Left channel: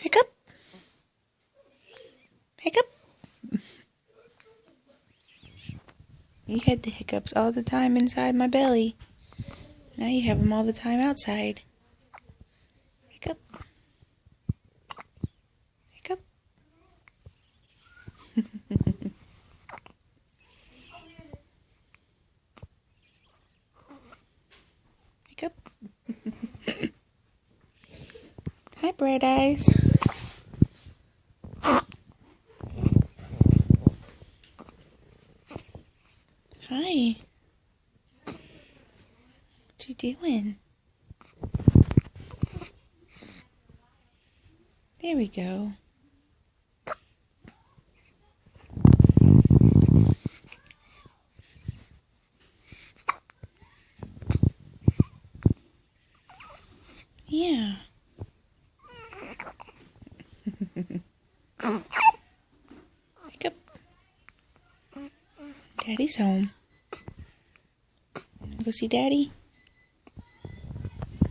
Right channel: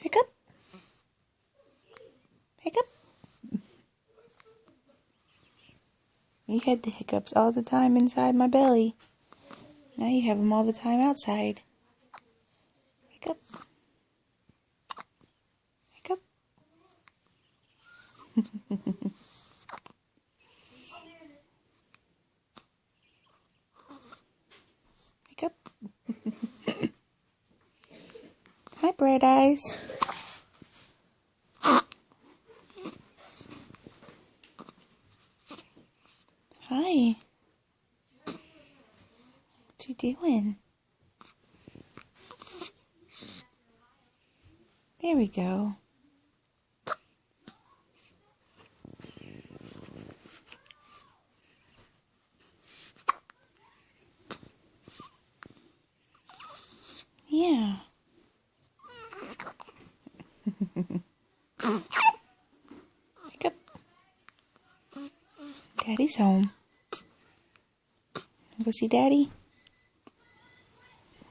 Hiccup. Hiccup. You had the hiccups all the time inside my belly. Now you have them all the time outside. Hiccup. Hiccup. Hiccup. Hi, Bright Eyes. Hi. What you doing? There we go. Yeah. Hiccup. Daddy's home. Go see Daddy.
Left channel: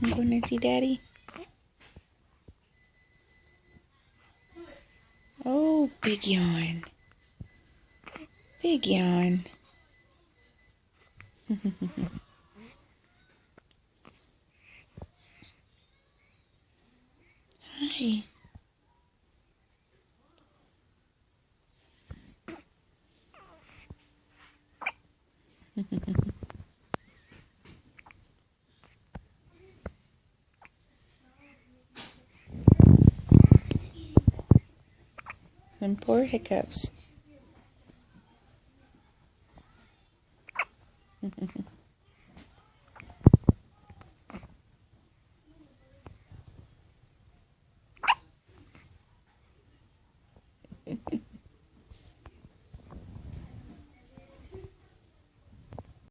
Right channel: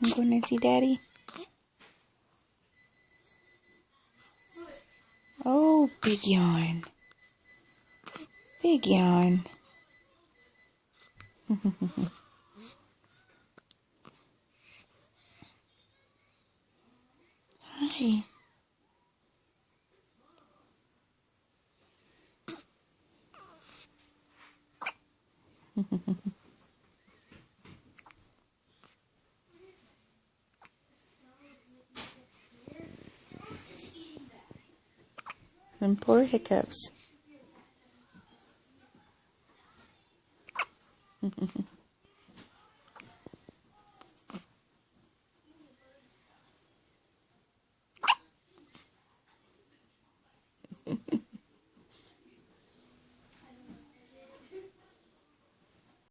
I'm going to see Daddy. Oh, big yawn. Big yawn. Hi. Them poor hiccups.